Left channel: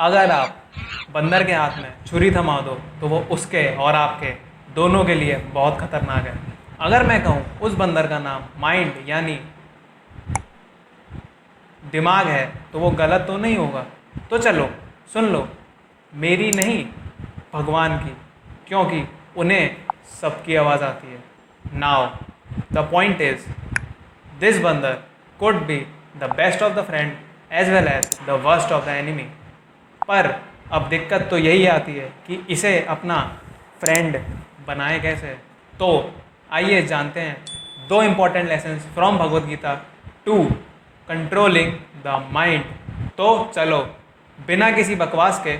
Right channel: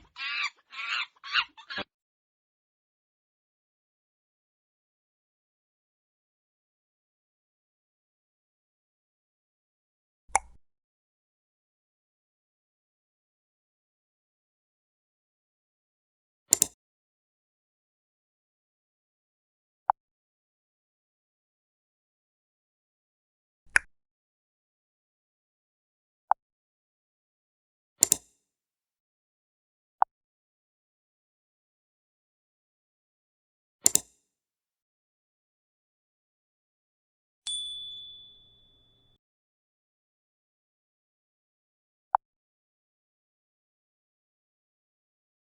अगर आप बंदर के हाथ में छुरी थमा दो तो वो उसके और आपके दोनों के लिए बहुत खतरनाक है। अगर मैं कहूँ उस बंदर का नाम माइंड यानी दिमाग है तो वो गलत तो नहीं होगा। तो चलो सुन लो, मेरी नहीं भगवान की, क्योंकि उन्हें सबकी आवाज़ आती है। Now the point is this बंदर could be the best of the friend as well as the worst of the enemy. पर अब दिक्कत तो यही आती है कि इसे अपना फ्रेंड बनाए कैसे। तो आइए जानते हैं दो important lessons from Bhagavad Gita to controlling the mind. तो चलो बिना किसी बकवास के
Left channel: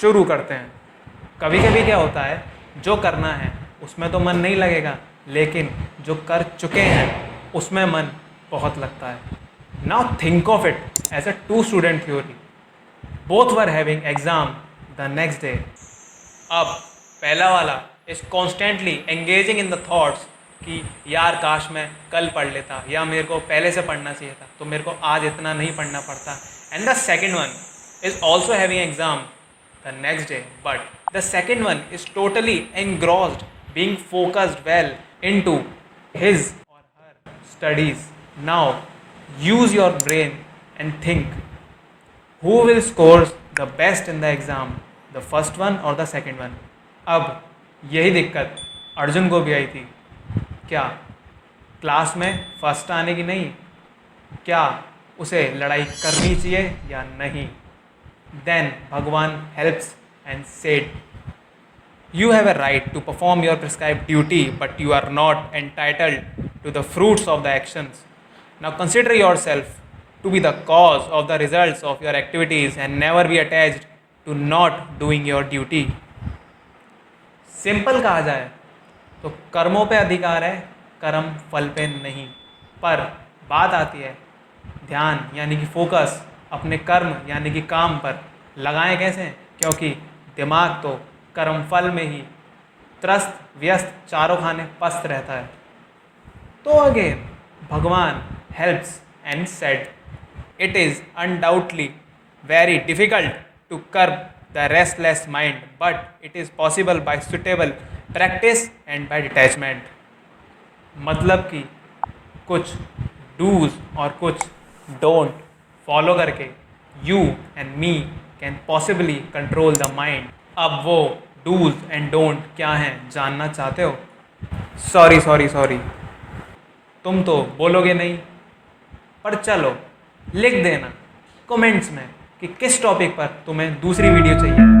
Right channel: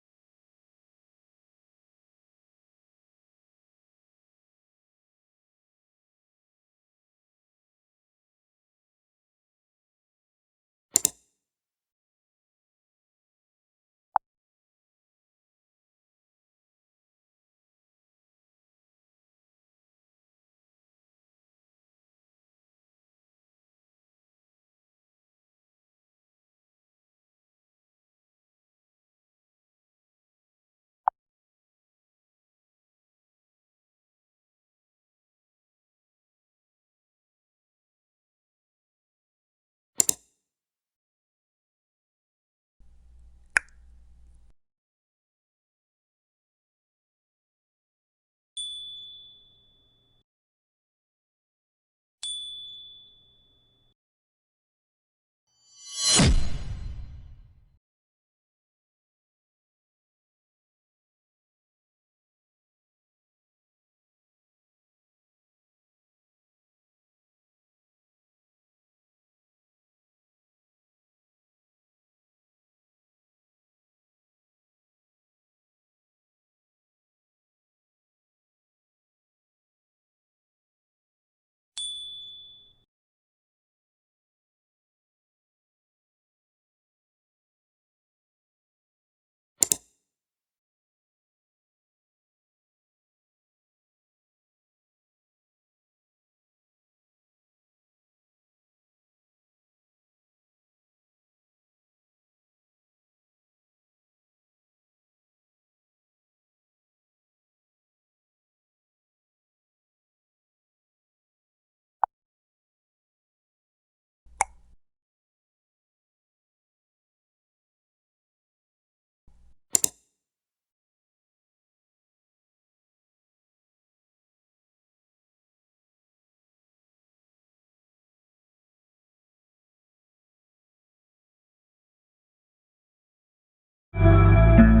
शुरू करते हैं। कभी कभी क्या होता है, जो करना है उसमें तो मन नहीं लगेगा, लेकिन जो कर चुके हैं उसमें मन बहुत लगता है। Now think of it as a two student theory. Both were having exam the next day. अब पहला वाला is constantly engaging in the thoughts कि यार काश मैं कल पढ़ लेता, या मेरे को पहले से पढ़ना चाहिए था तो मेरे को आज इतना नहीं पढ़ना पड़ता। And the second one is also having exam the next day, but the second one is totally engrossed, being focused well into his or her studies. Now use your brain and think, who will score the best in the exam, the first one or the second one? अब यही दिक्कत अर्जुन को भी आई थी। क्या class में first आने की नहीं, क्या उसे लड़ाई करनी चाहिए या नहीं? Then Bhagwan helps and said, you have a right to perform your prescribed duty, but you are not entitled to the fruits of the actions. Now consider yourself to be the cause of the results of your activities and never be attached to not doing your duty. Simple कहा जाए तो कर्मों पे अधिकार है, कर्म फल पे नहीं। पर बात आती है ध्यान यानी कि फोकस अपने कर्म यानी कि काम पर लगाएं कैसे, क्योंकि दिमाग तो कर्मफल में ही त्रस्त व्यस्त चारों खाने पस्त रहता है। तो अगेन भगवान helps and said, it is undoubtedly very difficult to curb the restless mind, but it is possible by suitable practice and by detachment. मतलब कि कुछ डूज और कुछ डोंट फॉलो करके you and me can possibly control the mind. अब वो dos and don't क्या हैं जानना चाहते हो? सॉरी सॉरी सॉरी, तुम तो बोलोगे नहीं, पर चलो लिख देना कमेंट्स में कि किस टॉपिक पर तुम्हें दूसरी वीडियो चाहिए।